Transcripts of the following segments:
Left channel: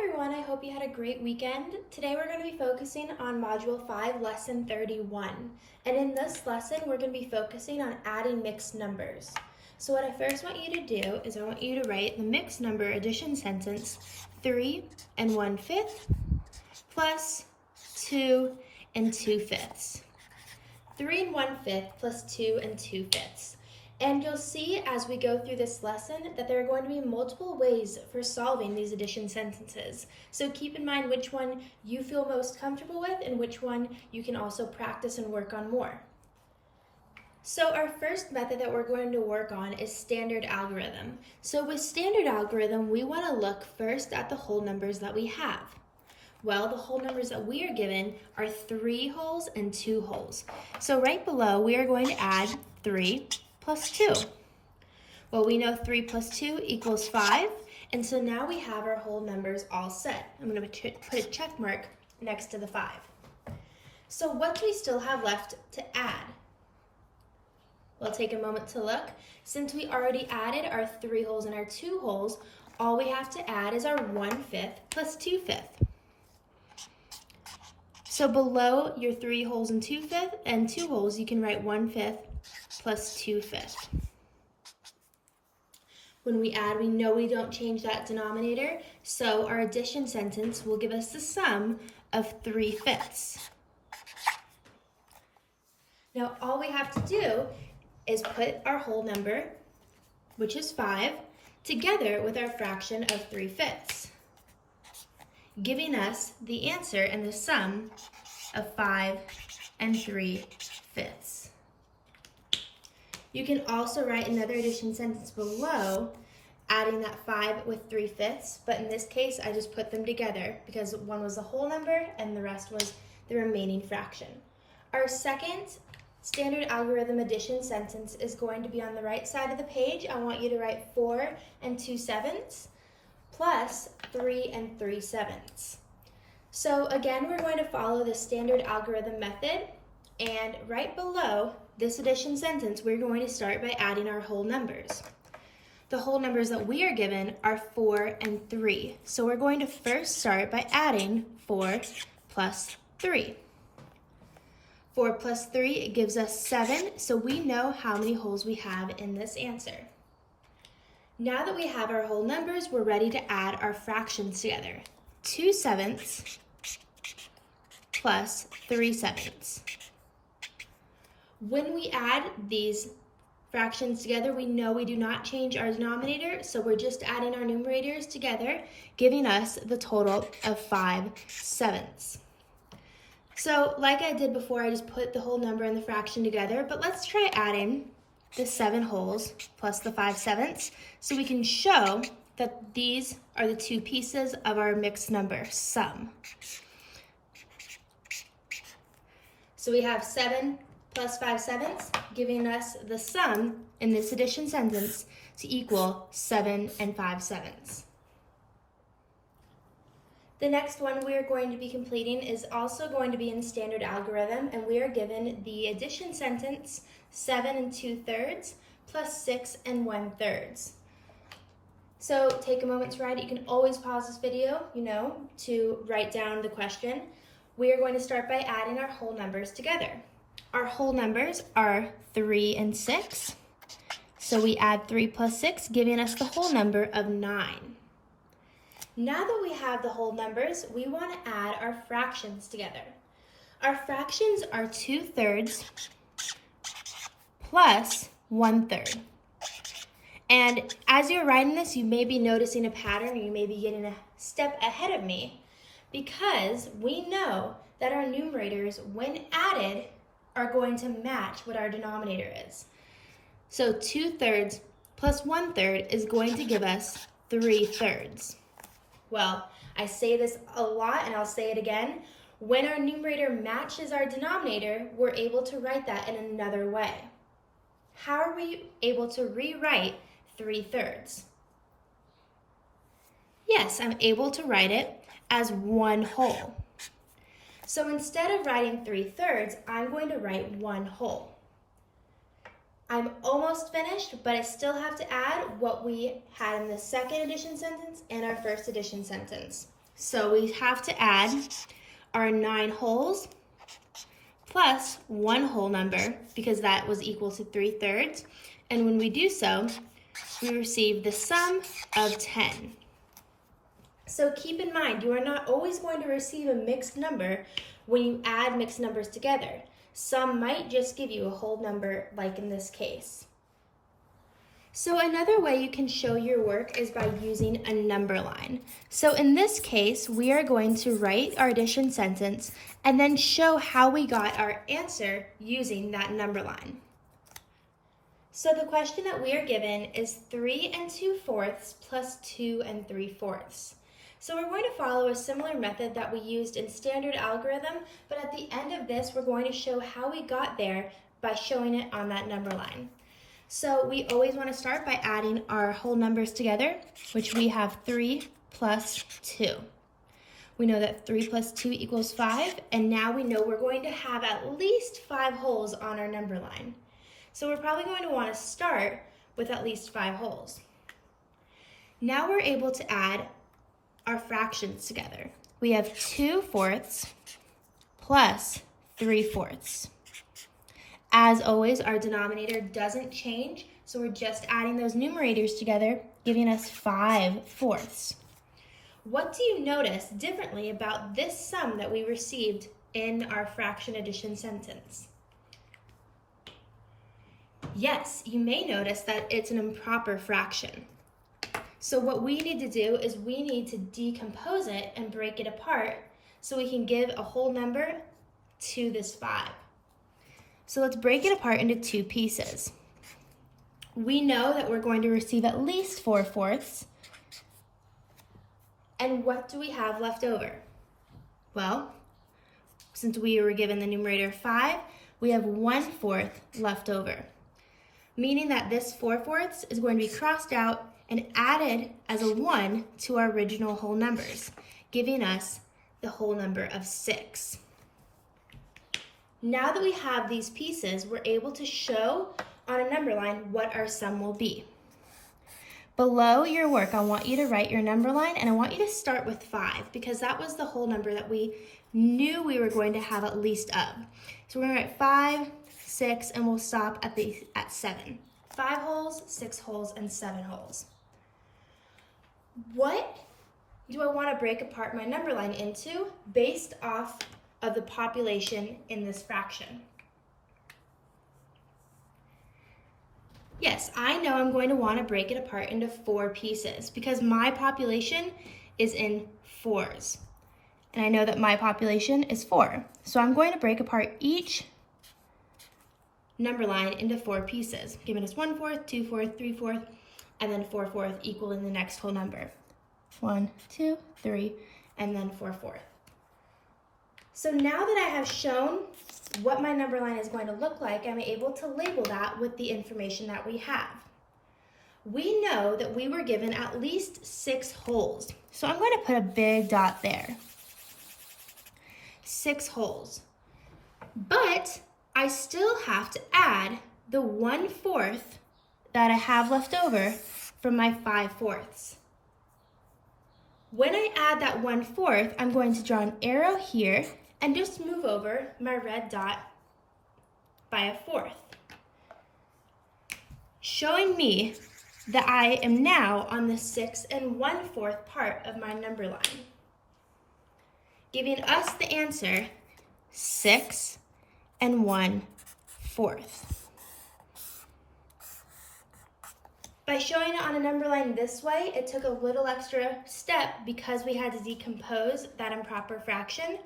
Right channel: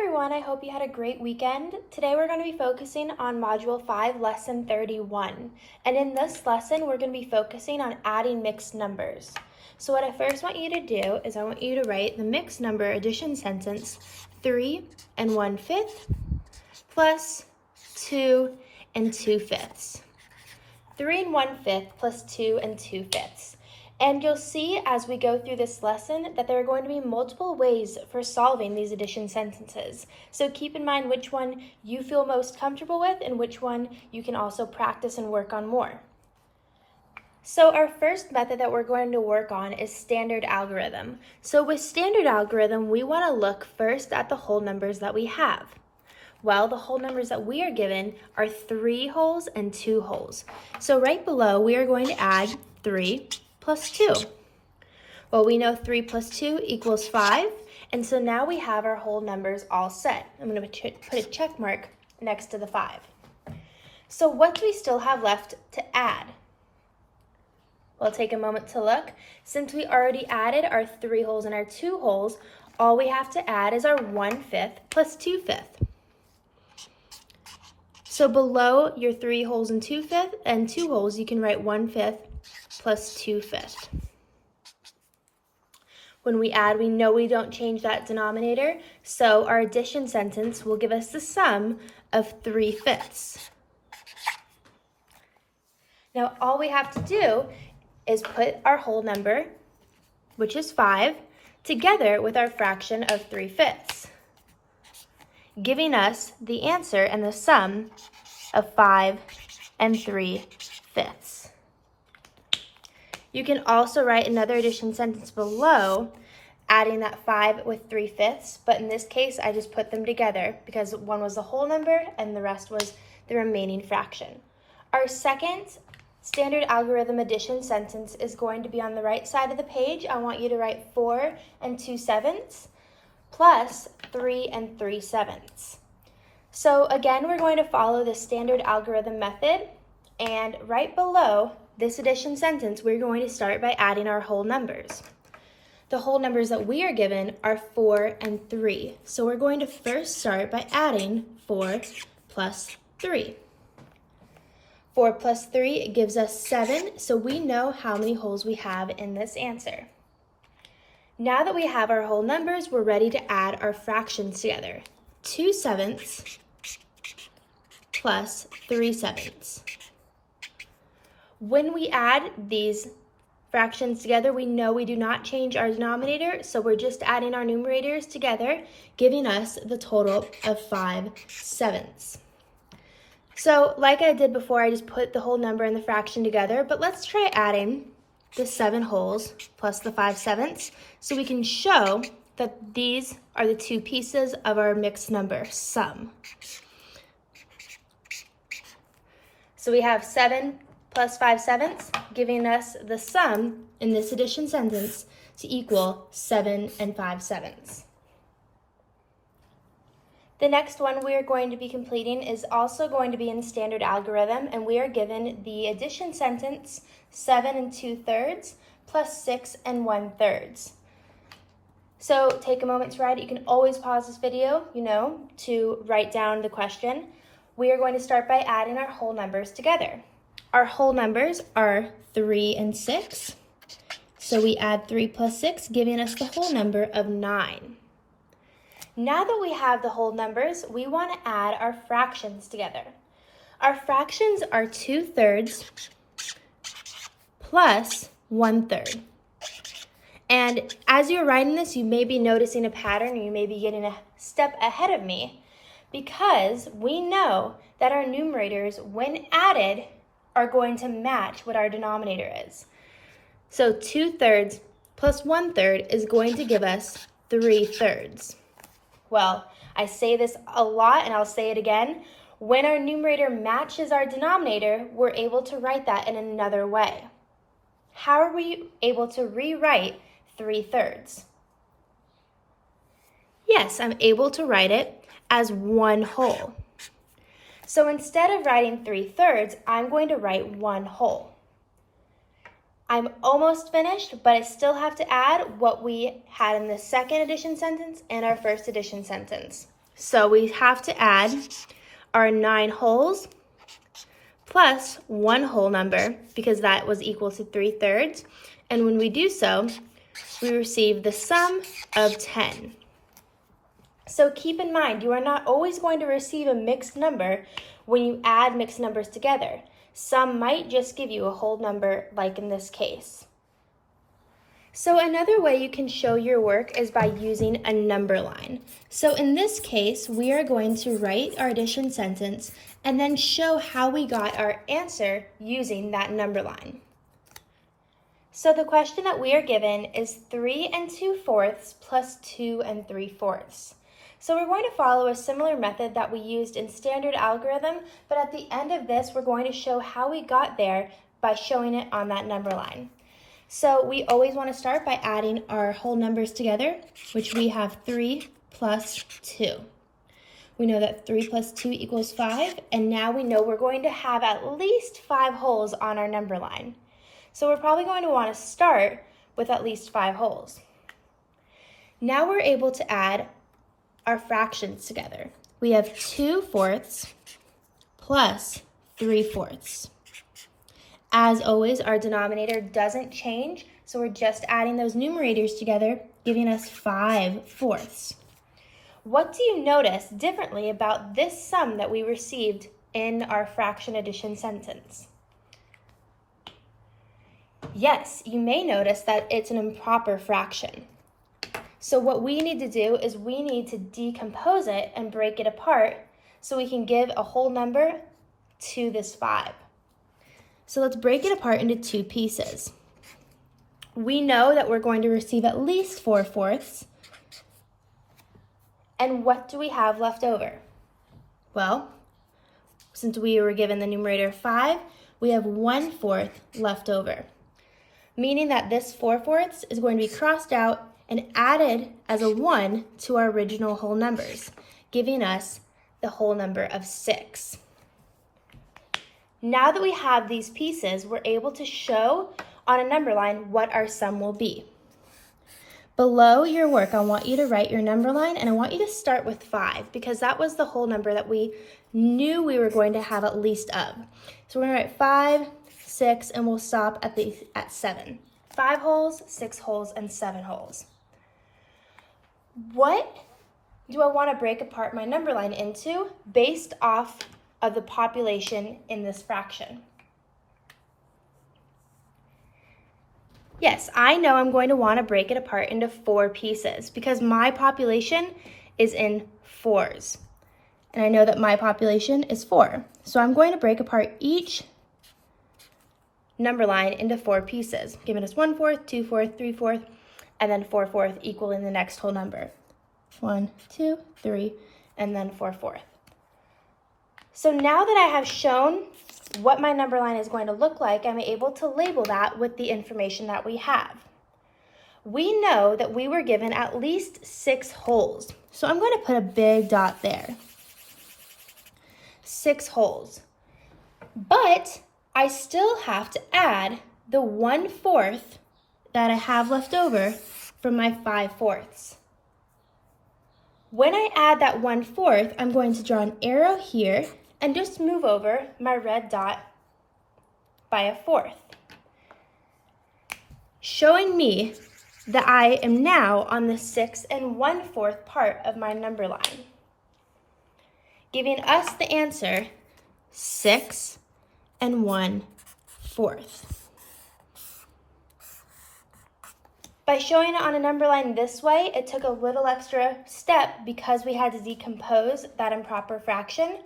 everyone, I hope you had a great weekend. Today we're going to be focusing on Module 5, Lesson 31. And in this lesson, we're going to be focusing on adding mixed numbers. So what I first want you to do is I want you to write the mixed number addition sentence 3 1/5 plus 2 2/5. 3 1/5 plus 2 2/5. And you'll see as we go through this lesson that there are going to be multiple ways for solving these addition sentences. So keep in mind which one you feel most comfortable with and which one you can also practice and work on more. So our first method that we're going to work on is standard algorithm. So with standard algorithm, we want to look first at the whole numbers that we have. Well, the whole numbers that we are given are 3 wholes and 2 wholes. So right below, we are going to add 3 plus 2. Well, we know 3 plus 2 equals 5, and so now we have our whole numbers all set. I'm going to put a check mark next to the 5. So what do we still have left to add? Well, take a moment to look. Since we already added our 3 wholes and our 2 wholes, all we have to add is our 1/5 plus 2/5. So below your 3 wholes and 2 wholes, you can write 1/5 plus 2/5. When we add, we know we don't change that denominator, so our addition sentence will give us the sum of 3/5. Now all we have to do is put our whole number, which is 5, together with our fraction of 3/5, giving us the answer and the sum of 5 3/5. You can also write another addition sentence below, adding that 5 with 3/5, but in this case, I just put them together because one was the whole number and the rest was the remaining fraction. Our second standard algorithm addition sentence is going to be on the right side of the page. I want you to write 4 2/7 plus 3 3/7. So again, we're going to follow the standard algorithm method, and right below this addition sentence, we're going to start by adding our whole numbers. The whole numbers that we are given are 4 and 3. So we're going to first start by adding 4 plus 3. 4 plus 3 gives us 7, so we know how many wholes we have in this answer. Now that we have our whole numbers, we're ready to add our fractions together. 2/7 plus 3/7. When we add these fractions together, we know we do not change our denominator, so we're just adding our numerators together, giving us the total of 5/7. So like I did before, I just put the whole number and the fraction together, but let's try adding the 7 wholes plus the 5/7 so we can show that these are the 2 pieces of our mixed number sum. So we have 7 plus 5/7, giving us the sum in this addition sentence to equal 7 5/7. The next one we are going to be completing is also going to be in standard algorithm, and we are given the addition sentence 7 2/3 plus 6 1/3. So take a moment to write it. You can always pause this video, to write down the question. We are going to start by adding our whole numbers together. Our whole numbers are 3 and 6. So we add 3 plus 6, giving us the whole number of 9. Now that we have the whole numbers, we want to add our fractions together. Our fractions are 2/3 plus 1/3. And as you're writing this, you may be noticing a pattern, or you may be getting a step ahead of me, because we know that our numerators, when added, are going to match what our denominator is. So 2/3 plus 1/3 is going to give us 3/3. Well, I say this a lot and I'll say it again. When our numerator matches our denominator, we're able to write that in another way. How are we able to rewrite 3/3? Yes, I'm able to write it as 1 whole. So instead of writing 3/3, I'm going to write 1 whole. I'm almost finished, but I still have to add what we had in the second addition sentence and our first addition sentence. So we have to add our 9 wholes plus 1 whole number because that was equal to 3/3. And when we do so, we receive the sum of 10. So keep in mind, you are not always going to receive a mixed number when you add mixed numbers together. Some might just give you a whole number, like in this case. So another way you can show your work is by using a number line. So in this case, we are going to write our addition sentence and then show how we got our answer using that number line. So the question that we are given is 3 2/4 plus 2 3/4. So we're going to follow a similar method that we used in standard algorithm, but at the end of this, we're going to show how we got there by showing it on that number line. So we always want to start by adding our whole numbers together, which we have 3 plus 2. We know that 3 plus 2 equals 5, and now we know we're going to have at least 5 wholes on our number line. So we're probably going to want to start with at least 5 wholes. Now we're able to add our fractions together. We have 2/4 plus 3/4. As always, our denominator doesn't change, so we're just adding those numerators together, giving us 5/4. What do you notice differently about this sum that we received in our fraction addition sentence? Yes, you may notice that it's an improper fraction. So what we need to do is we need to decompose it and break it apart so we can give a whole number to this 5. So let's break it apart into 2 pieces. We know that we're going to receive at least 4/4. And what do we have left over? Well, since we were given the numerator 5, we have 1/4 left over, meaning that this 4/4 is going to be crossed out and added as a 1 to our original whole numbers, giving us the whole number of 6. Now that we have these pieces, we're able to show on a number line what our sum will be. Below your work, I want you to write your number line, and I want you to start with 5 because that was the whole number that we knew we were going to have at least of. So we're going to write 5, 6, and we'll stop at 7. 5 wholes, 6 wholes, and 7 wholes. What do I want to break apart my number line into based off of the population in this fraction? Yes, I know I'm going to want to break it apart into 4 pieces because my population is in 4s. And I know that my population is 4. So I'm going to break apart each number line into 4 pieces, giving us 1/4, 2/4, 3/4, and then 4/4 equaling the next whole number. 1, 2, 3, and then 4/4. So now that I have shown what my number line is going to look like, I'm able to label that with the information that we have. We know that we were given at least 6 wholes. So I'm going to put a big dot there. 6 wholes. But I still have to add the 1/4 that I have left over from my 5/4. When I add that 1/4, I'm going to draw an arrow here and just move over my red dot by a 1/4, showing me that I am now on the 6 1/4 part of my number line, giving us the answer 6 1/4. By showing it on a number line this way, it took a little extra step because we had to decompose that improper fraction,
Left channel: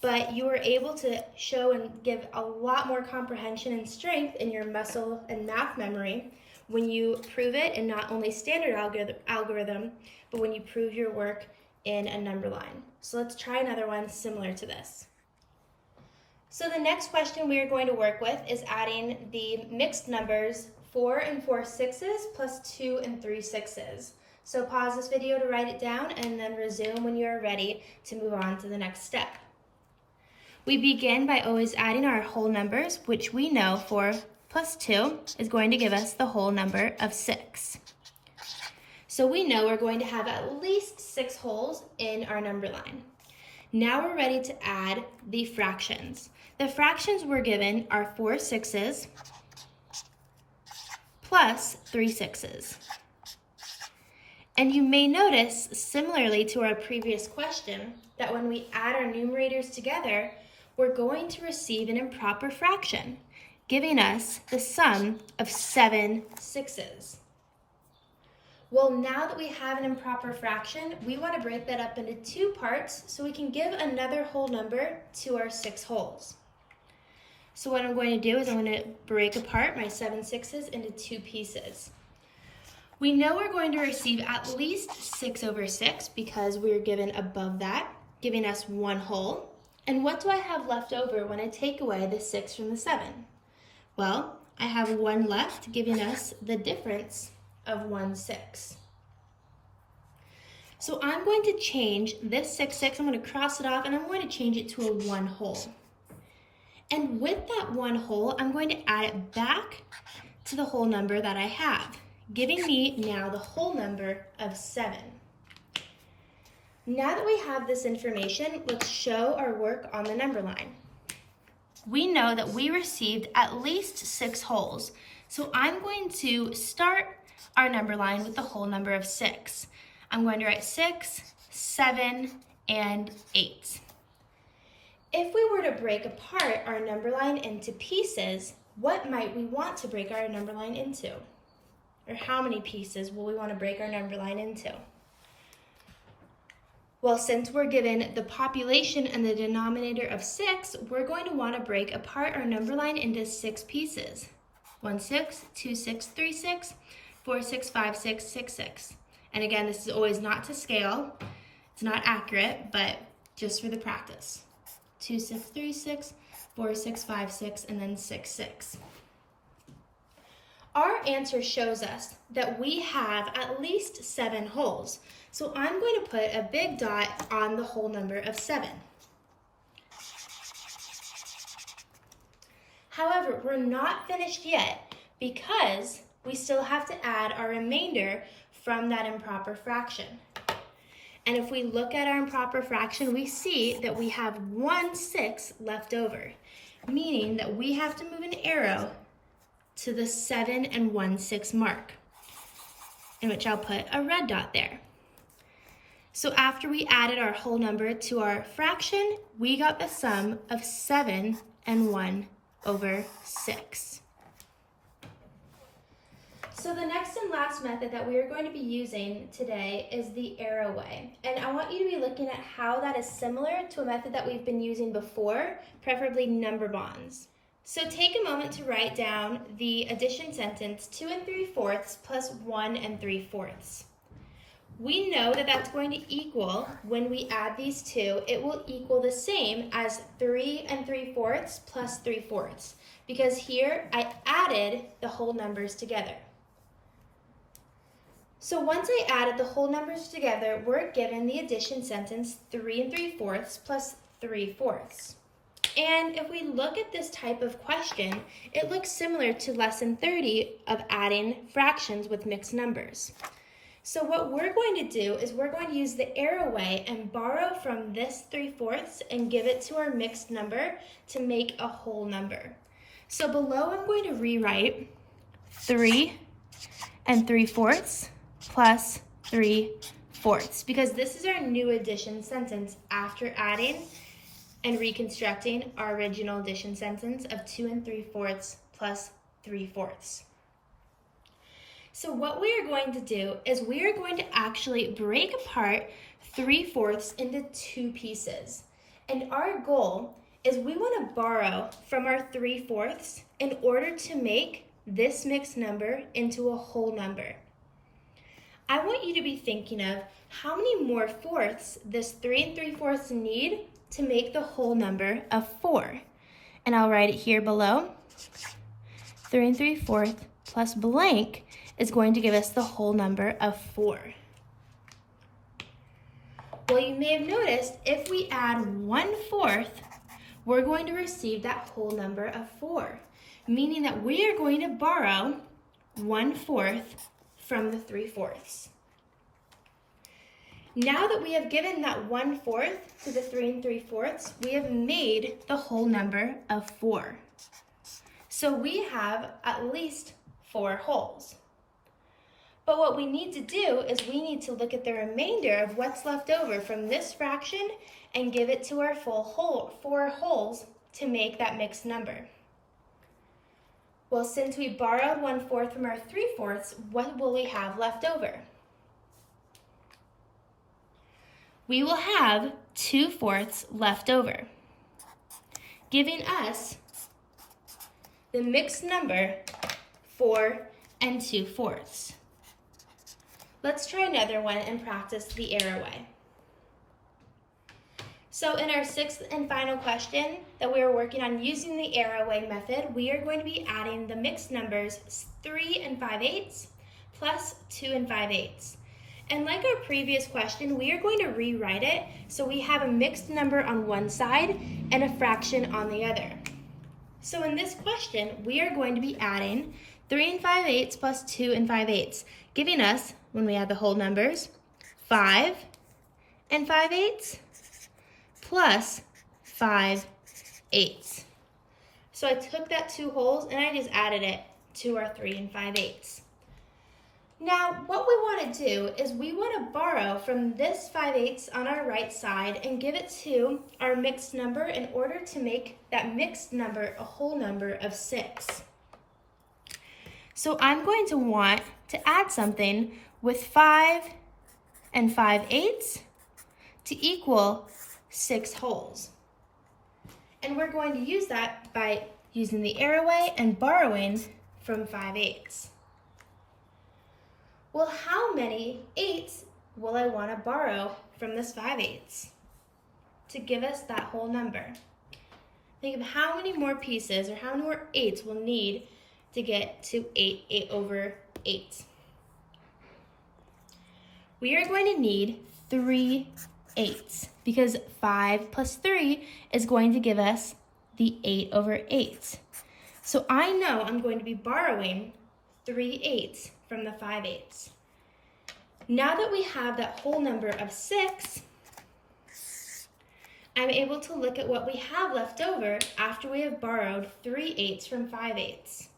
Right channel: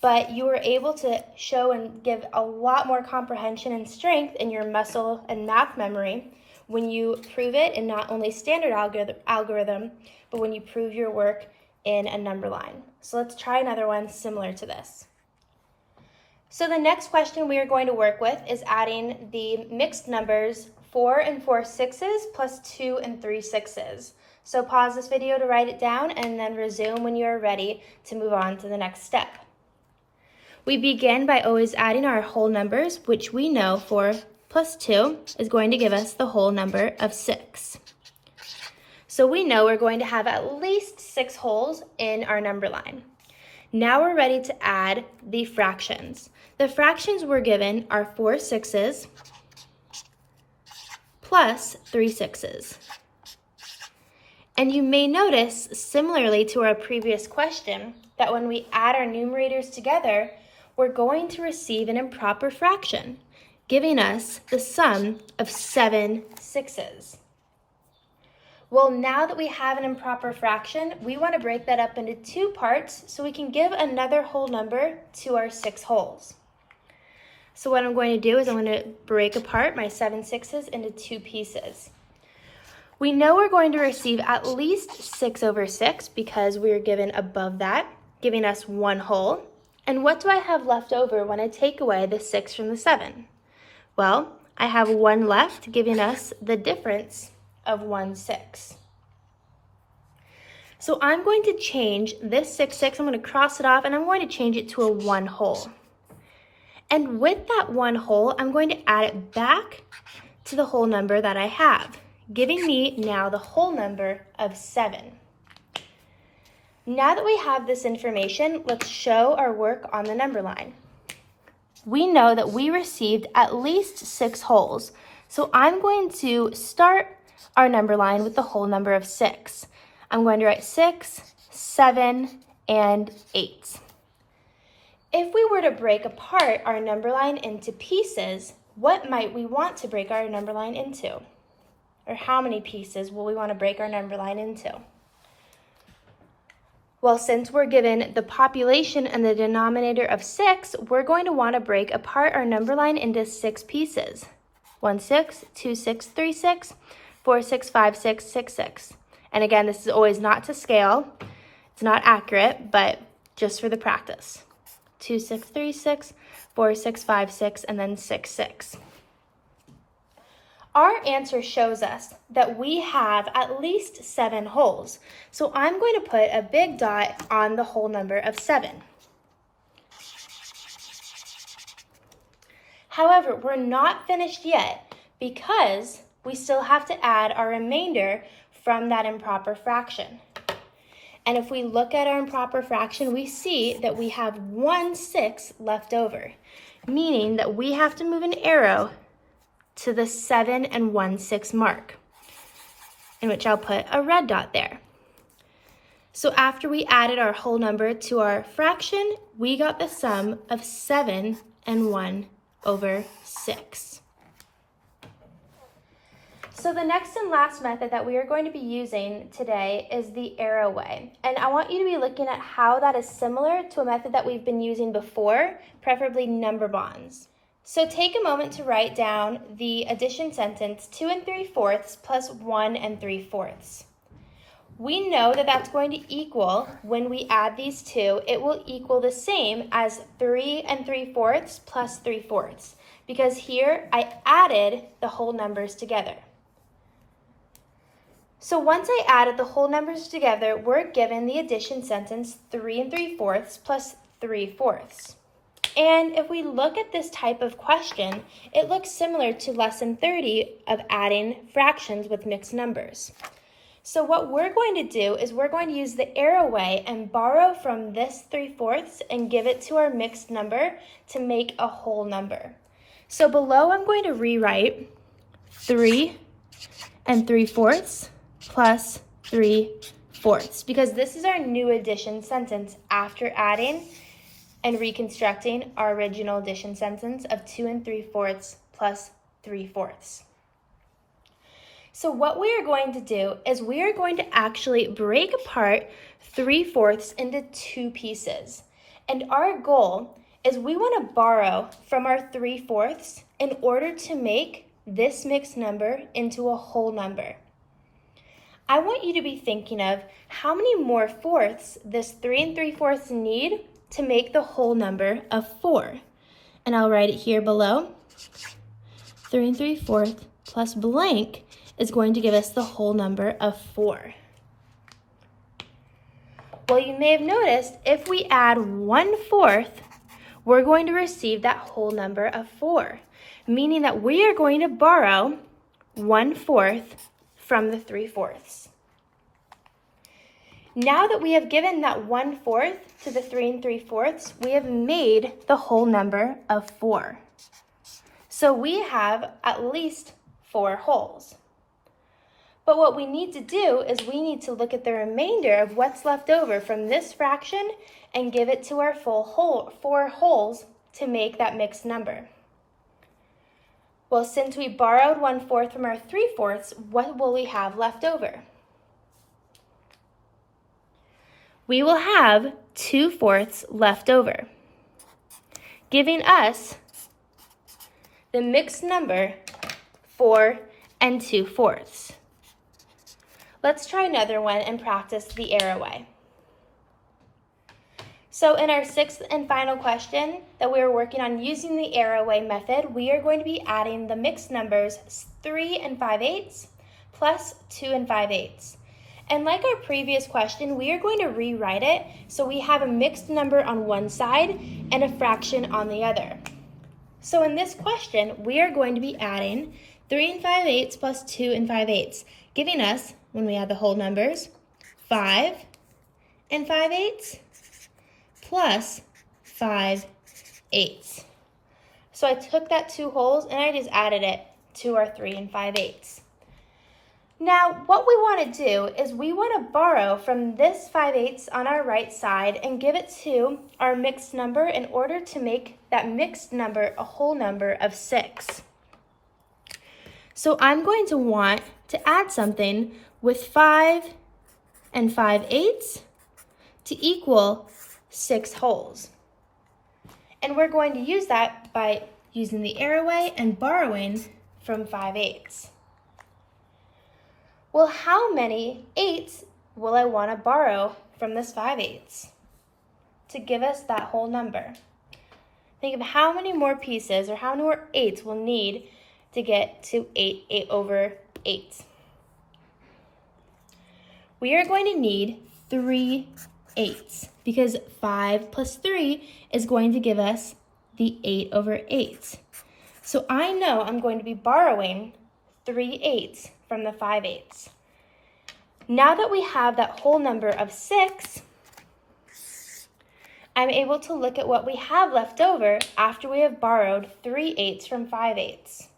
but you were able to show and give a lot more comprehension and strength in your muscle and math memory when you prove it in not only standard algorithm, but when you prove your work in a number line. So let's try another one similar to this. So the next question we are going to work with is adding the mixed numbers 4 4/6 plus 2 3/6. So pause this video to write it down and then resume when you are ready to move on to the next step. We begin by always adding our whole numbers, which we know 4 plus 2 is going to give us the whole number of 6. So we know we're going to have at least 6 holes in our number line. Now we're ready to add the fractions. The fractions we're given are 4 6s plus 3 6s. And you may notice, similarly to our previous question, that when we add our numerators together, we're going to receive an improper fraction, giving us the sum of 7 6s. Well, now that we have an improper fraction, we want to break that up into 2 parts so we can give another whole number to our 6 holes. So what I'm going to do is I'm going to break apart my 7 6s into 2 pieces. We know we're going to receive at least 6 over 6 because we are given above that, giving us 1 whole. And what do I have left over when I take away the 6 from the 7? Well, I have 1 left, giving us the difference of 1 6. So I'm going to change this 6 6, I'm going to cross it off, and I'm going to change it to a 1 whole. And with that 1 whole, I'm going to add it back to the whole number that I have, giving me now the whole number of 7. Now that we have this information, let's show our work on the number line. We know that we received at least 6 holes, so I'm going to start our number line with the whole number of 6. I'm going to write 6, 7, and 8. If we were to break apart our number line into pieces, what might we want to break our number line into? Or how many pieces will we want to break our number line into? Well, since we're given the population and the denominator of 6, we're going to want to break apart our number line into 6 pieces. 1 6, 2 6, 3 6, 4 6, 5 6, 6 6. And again, this is always not to scale. It's not accurate, but just for the practice. 2 6, 3 6, 4 6, 5 6, and then 6 6. Our answer shows us that we have at least 7 holes. So I'm going to put a big dot on the whole number of 7. However, we're not finished yet because we still have to add our remainder from that improper fraction. And if we look at our improper fraction, we see that we have 1 6 left over, meaning that we have to move an arrow to the 7 and 1 6 mark, in which I'll put a red dot there. So after we added our whole number to our fraction, we got the sum of 7 and 1 over 6. So the next and last method that we are going to be using today is the arrow way. And I want you to be looking at how that is similar to a method that we've been using before, preferably number bonds. So take a moment to write down the addition sentence 2 3/4 plus 1 3/4. We know that that's going to equal, when we add these two, it will equal the same as 3 3/4 plus 3/4, because here I added the whole numbers together. So once I added the whole numbers together, we're given the addition sentence 3 3/4 plus 3/4. And if we look at this type of question, it looks similar to lesson 30 of adding fractions with mixed numbers. So what we're going to do is we're going to use the arrow way and borrow from this 3/4 and give it to our mixed number to make a whole number. So below I'm going to rewrite 3 3/4 plus 3/4, because this is our new addition sentence after adding and reconstructing our original addition sentence of 2 3/4 plus 3/4. So what we are going to do is we are going to actually break apart 3/4 into 2 pieces. And our goal is we want to borrow from our 3/4 in order to make this mixed number into a whole number. I want you to be thinking of how many more fourths this 3 3/4 need to make the whole number of 4. And I'll write it here below. 3 3/4 plus blank is going to give us the whole number of 4. Well, you may have noticed if we add 1/4, we're going to receive that whole number of 4, meaning that we are going to borrow 1/4 from the 3/4. Now that we have given that 1/4 to the 3 3/4, we have made the whole number of 4. So we have at least 4 wholes. But what we need to do is we need to look at the remainder of what's left over from this fraction and give it to our full whole, 4 wholes to make that mixed number. Well, since we borrowed 1/4 from our 3/4, what will we have left over? We will have 2/4 left over, giving us the mixed number 4 2/4. Let's try another one and practice the arrow way. So in our 6th and final question that we were working on using the arrow way method, we are going to be adding the mixed numbers 3 5/8 plus 2 5/8. And like our previous question, we are going to rewrite it so we have a mixed number on one side and a fraction on the other. So in this question, we are going to be adding 3 5/8 plus 2 5/8, giving us, when we add the whole numbers, 5 5/8 plus 5/8. So I took that 2 wholes and I just added it to our 3 5/8. Now, what we want to do is we want to borrow from this 5/8 on our right side and give it to our mixed number in order to make that mixed number a whole number of 6. So I'm going to want to add something with 5 5/8 to equal 6 wholes. And we're going to use that by using the arrow way and borrowing from 5/8. Well, how many 8s will I want to borrow from this 5/8 to give us that whole number? Think of how many more pieces or how many more 8s we'll need to get to 8 over 8. We are going to need 3 8s because 5 plus 3 is going to give us the 8 over 8. So I know I'm going to be borrowing 3 8s from the 5/8. Now that we have that whole number of 6, I'm able to look at what we have left over after we have borrowed 3 8s from 5/8.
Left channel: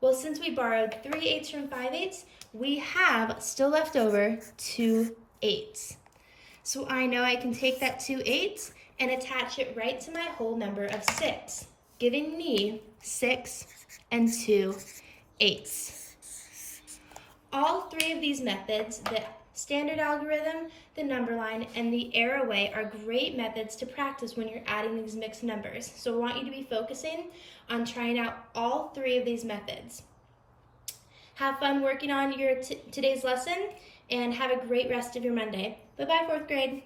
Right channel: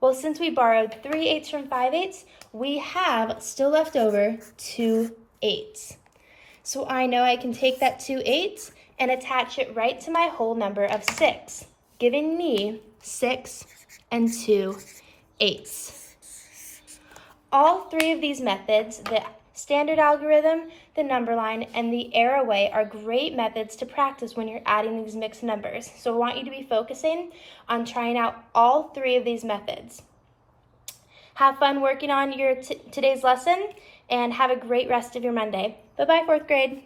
Well, since we borrowed 3 8s from 5/8, we have still left over 2 8s. So I know I can take that 2 8s and attach it right to my whole number of 6, giving me 6 2 8s. All 3 of these methods, the standard algorithm, the number line, and the arrow way, are great methods to practice when you're adding these mixed numbers. So I want you to be focusing on trying out all 3 of these methods. Have fun working on your today's lesson, and have a great rest of your Monday. Bye-bye, 4th grade.